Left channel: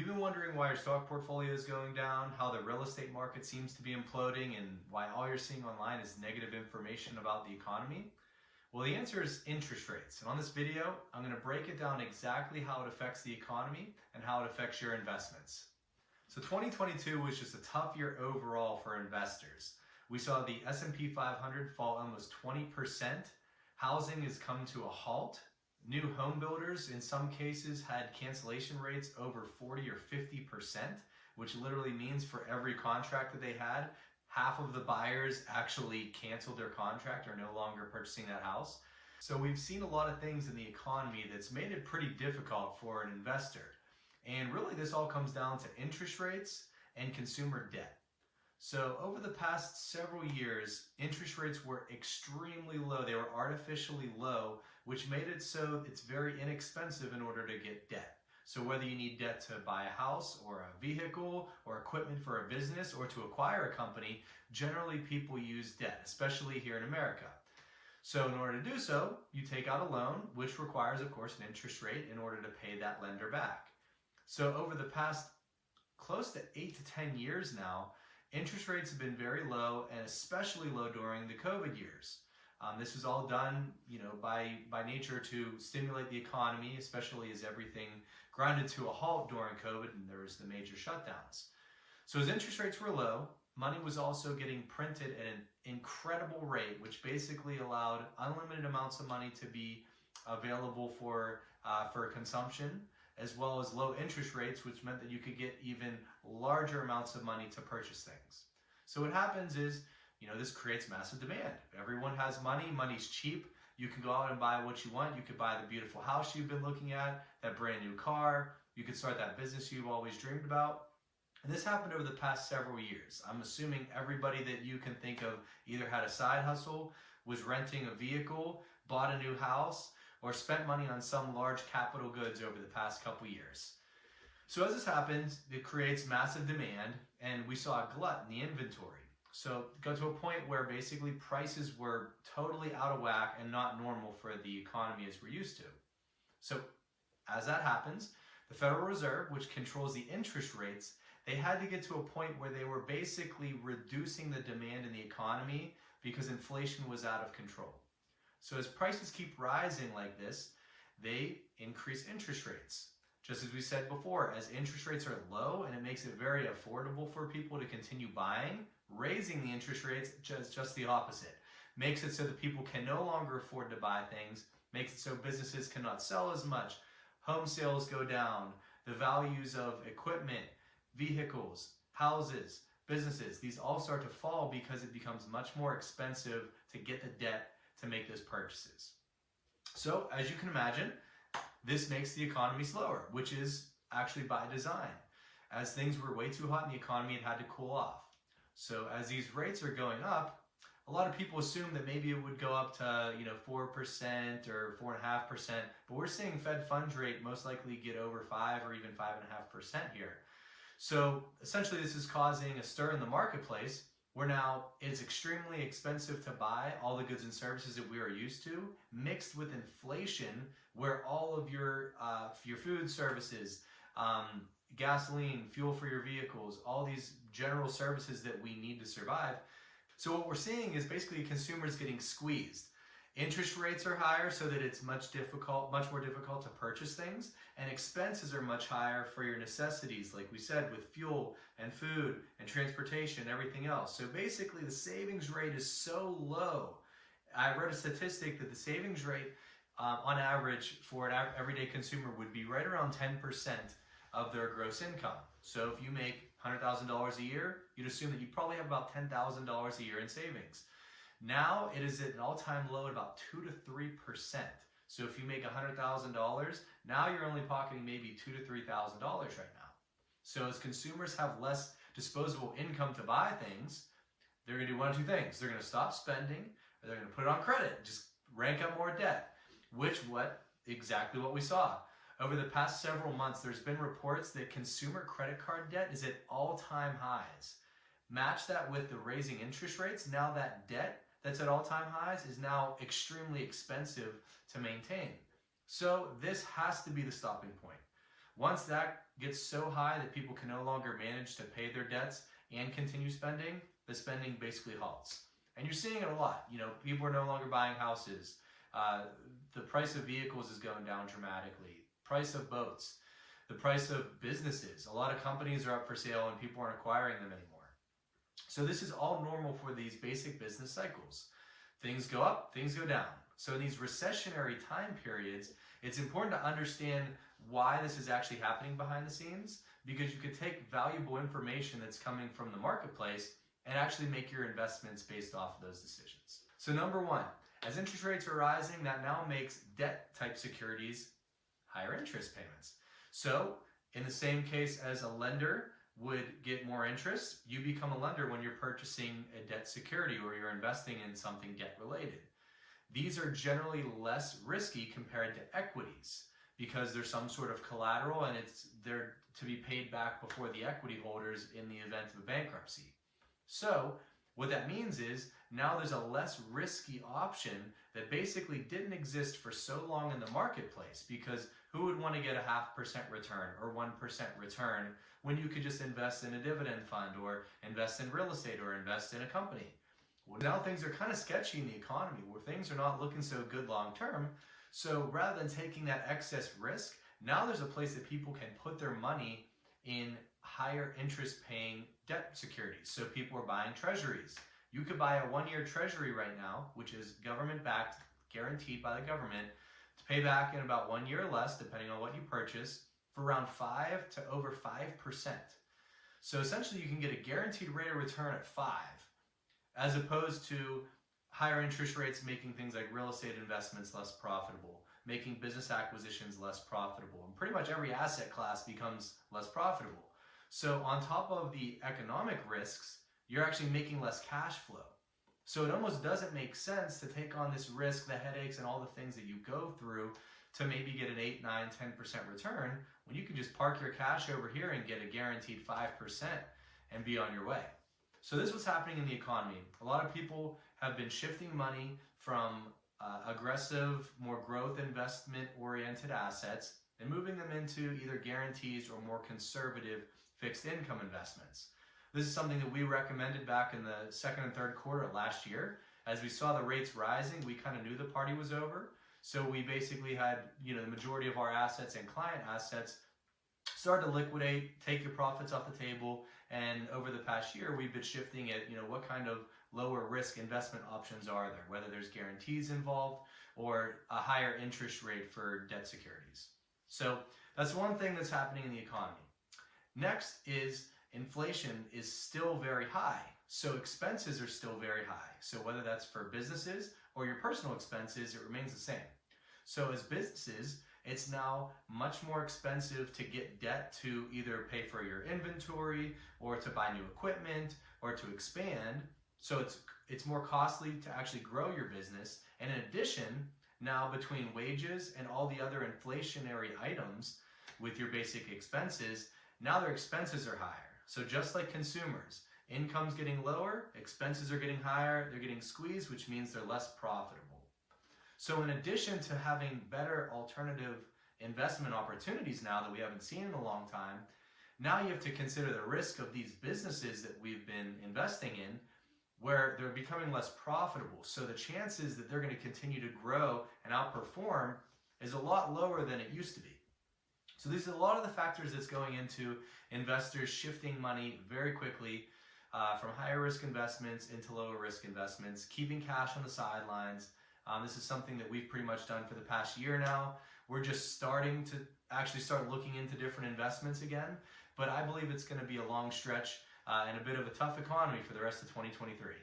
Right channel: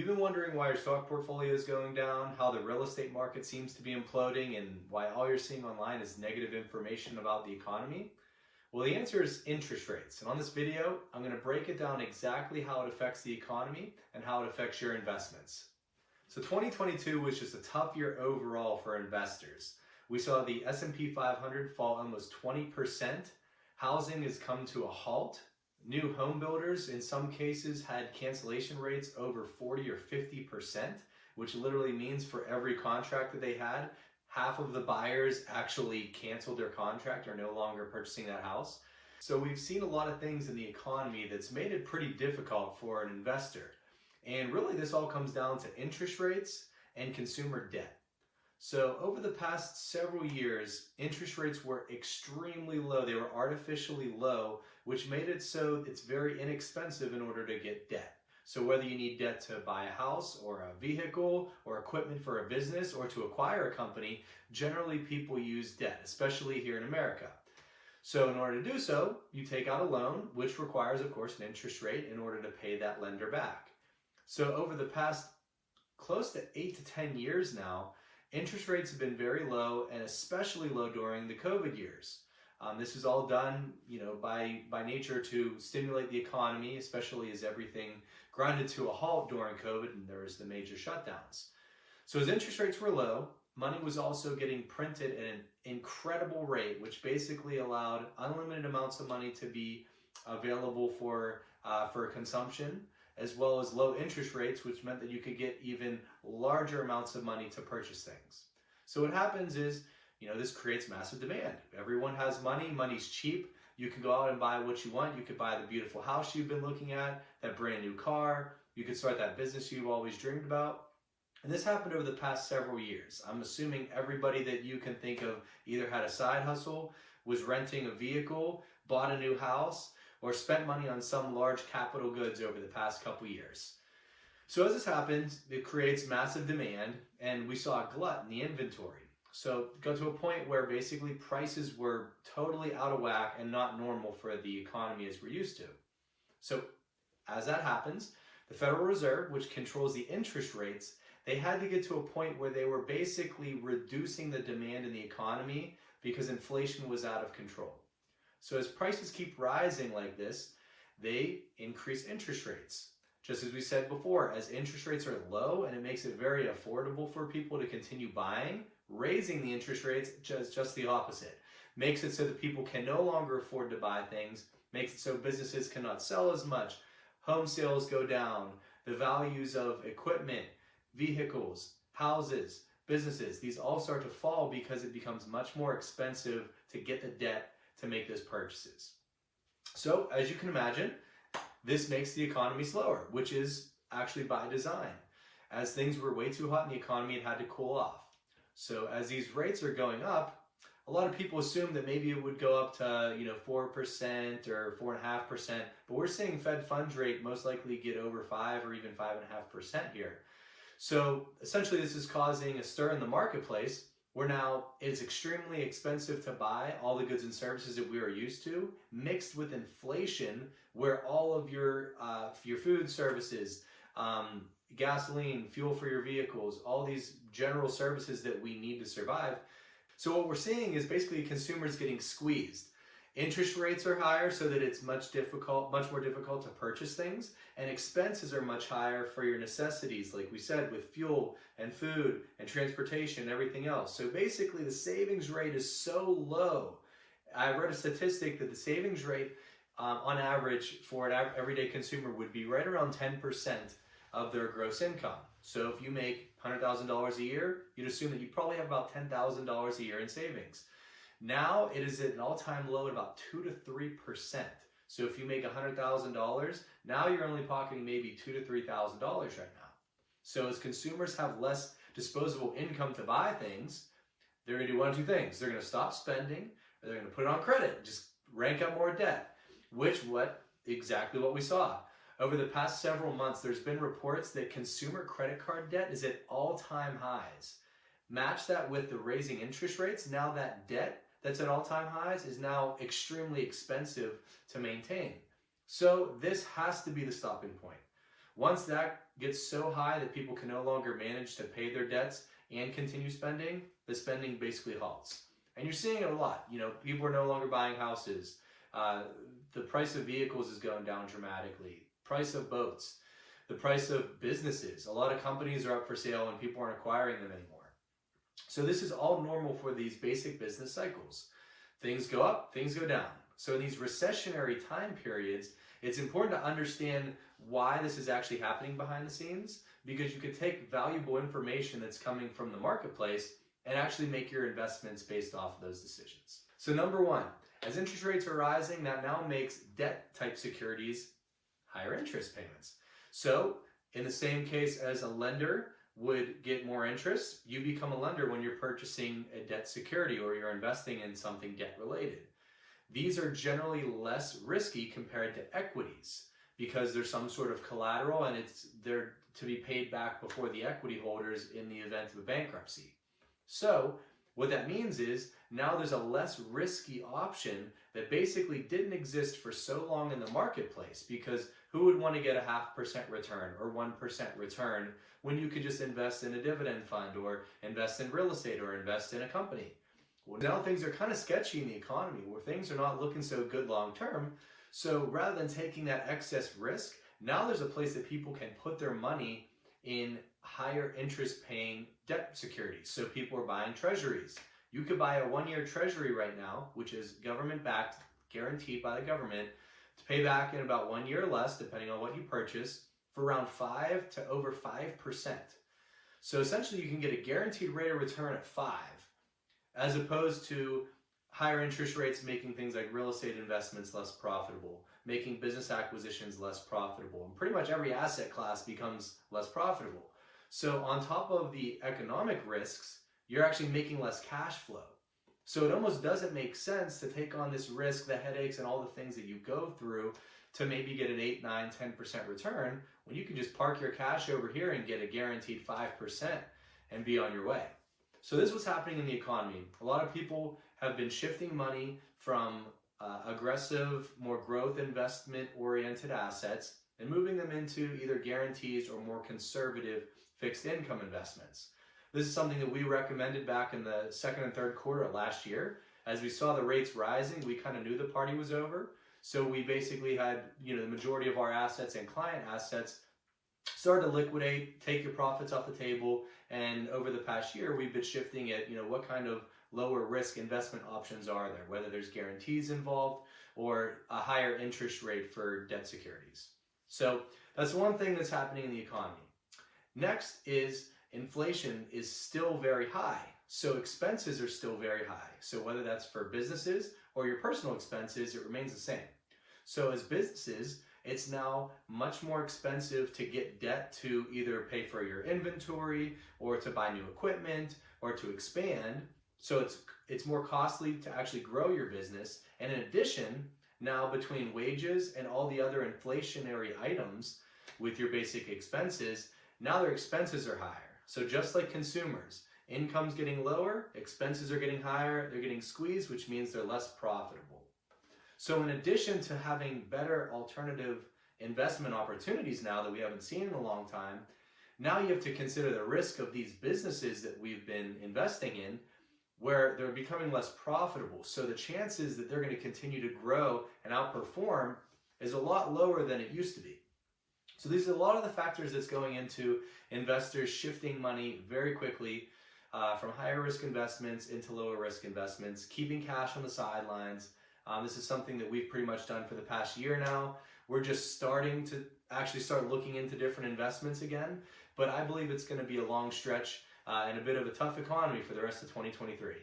you been wondering why your stock portfolio is going down, how the real estate market seems to be imploding, and why all you're seeing online is negative information about the economy? Well, the answer is interest rates. And on this video, I'm going to break it down exactly how it affects the economy and how it affects your investments. So 2022 was just a tough year overall for investors. We saw the S&P 500 fall almost 20%. Housing has come to a halt. New home builders, in some cases, had cancellation rates over 40 or 50%, which literally means for every contract that they had, half of the buyers actually canceled their contract or no longer purchasing that house. So we've seen a lot of things in the economy that's made it pretty difficult for an investor. And really this all comes down to interest rates and consumer debt. So over the past several years, interest rates were extremely low. They were artificially low, which made it so it's very inexpensive in order to get debt. So whether you need debt to buy a house or a vehicle or equipment for a business or to acquire a company, generally people use debt, especially here in America. So in order to do so, you take out a loan, which requires, of course, an interest rate in order to pay that lender back. So over the past close to 8 to 10 years now, interest rates have been very low, and especially low during the COVID years. This was all done, by nature to stimulate the economy, especially as everything grinded to a halt during COVID and there was the major shutdowns. So as interest rates were low, money was also getting printed at an incredible rate, which basically allowed unlimited amounts of money to be available for consumption, as well as low interest rates, which meant that you could get even larger amounts of money to purchase things. So what happens is, this creates massive demand. Everyone has money, money's cheap. You can go out and buy what you want. You could buy the beautiful house you've been looking at, that brand new car. You could start that business you've always dreamed about. And this happened over the past several years. I'm assuming everybody that you can think of either had a side hustle, was renting a vehicle, bought a new house, or spent money on some large capital goods over the past couple years. So as this happens, it creates massive demand, and we saw a glut in the inventory. So it got to a point where basically prices were totally out of whack and not normal for the economy as we're used to. So as that happens, the Federal Reserve, which controls the interest rates, they had to get to a point where they were basically reducing the demand in the economy because inflation was out of control. So as prices keep rising like this, they increase interest rates. Just as we said before, as interest rates are low and it makes it very affordable for people to continue buying, raising the interest rates just the opposite. Makes it so that people can no longer afford to buy things, makes it so businesses cannot sell as much, home sales go down, the values of equipment, vehicles, houses, businesses, these all start to fall because it becomes much more expensive to get the debt to make those purchases. So as you can imagine, this makes the economy slower, which is actually by design. As things were way too hot in the economy, it had to cool off. So as these rates are going up, a lot of people assume that maybe it would go up to 4% or 4.5%, but we're seeing Fed funds rate most likely get over 5 or even 5.5% here. So essentially this is causing a stir in the marketplace where now it's extremely expensive to buy all the goods and services that we are used to, mixed with inflation where all of your food services, gasoline, fuel for your vehicles, all these general services that we need to survive. So what we're seeing is basically consumers getting squeezed. Interest rates are higher so that it's much more difficult to purchase things, and expenses are much higher for your necessities, like we said, with fuel and food and transportation and everything else. So basically the savings rate is so low. I read a statistic that the savings rate on average for an everyday consumer would be right around 10% of their gross income. So if you make $100,000 a year, you'd assume that you probably have about $10,000 a year in savings. Now it is at an all-time low at about 2 to 3%. So if you make $100,000, now you're only pocketing maybe $2,000 to $3,000 right now. So as consumers have less disposable income to buy things, they're going to do one of two things. They're going to stop spending, or they're going to put it on credit, just rank up more debt, exactly what we saw. Over the past several months, there's been reports that consumer credit card debt is at all-time highs. Match that with the raising interest rates, now that debt that's at all-time highs is now extremely expensive to maintain. So this has to be the stopping point. Once that gets so high that people can no longer manage to pay their debts and continue spending, the spending basically halts. And you're seeing it a lot. People are no longer buying houses. The price of vehicles is going down dramatically. Price of boats. The price of businesses. A lot of companies are up for sale and people aren't acquiring them anymore. So this is all normal for these basic business cycles. Things go up, things go down. So in these recessionary time periods, it's important to understand why this is actually happening behind the scenes, because you could take valuable information that's coming from the marketplace and actually make your investments based off of those decisions. So number one, as interest rates are rising, that now makes debt type securities higher interest payments. So in the same case as a lender would get more interest, you become a lender when you're purchasing a debt security or you're investing in something debt related. These are generally less risky compared to equities because there's some sort of collateral and they're to be paid back before the equity holders in the event of a bankruptcy. So what that means is now there's a less risky option that basically didn't exist for so long in the marketplace, because who would want to get a 0.5% return or 1% return when you could just invest in a dividend fund or invest in real estate or invest in a company? Well, now things are kind of sketchy in the economy where things are not looking so good long term. So rather than taking that excess risk, now there's a place that people can put their money in higher interest paying debt securities. So people are buying treasuries. You could buy a 1-year treasury right now, which is government backed, guaranteed by the government, to pay back in about 1 year or less, depending on what you purchase, for around 5 to over 5%. So essentially you can get a guaranteed rate of return at 5, as opposed to higher interest rates making things like real estate investments less profitable, making business acquisitions less profitable, and pretty much every asset class becomes less profitable. So on top of the economic risks, you're actually making less cash flow. So it almost doesn't make sense to take on this risk, the headaches, and all the things that you go through to maybe get an 8, 9, 10% return when you can just park your cash over here and get a guaranteed 5% and be on your way. So this is what's happening in the economy. A lot of people have been shifting money from aggressive, more growth investment-oriented assets and moving them into either guarantees or more conservative fixed income investments. This is something that we recommended back in the second and third quarter of last year. As we saw the rates rising, we kind of knew the party was over. So we basically had, the majority of our assets and client assets start to liquidate, take your profits off the table. And over the past year, we've been shifting it, what kind of lower risk investment options are there, whether there's guarantees involved or a higher interest rate for debt securities. So that's one thing that's happening in the economy. Next is inflation is still very high. So expenses are still very high. So whether that's for businesses or your personal expenses, it remains the same. So as businesses, it's now much more expensive to get debt to either pay for your inventory or to buy new equipment or to expand. So it's more costly to actually grow your business. And in addition, now between wages and all the other inflationary items with your basic expenses, now their expenses are higher. So just like consumers, income's getting lower, expenses are getting higher, they're getting squeezed, which means they're less profitable. So in addition to having better alternative investment opportunities now that we haven't seen in a long time, now you have to consider the risk of these businesses that we've been investing in, where they're becoming less profitable. So the chances that they're going to continue to grow and outperform is a lot lower than it used to be. So these are a lot of the factors that's going into investors shifting money very quickly from higher risk investments into lower risk investments, keeping cash on the sidelines. This is something that we've pretty much done for the past year now. We're just starting to actually start looking into different investments again, but I believe it's going to be a long stretch and a bit of a tough economy for the rest of 2023.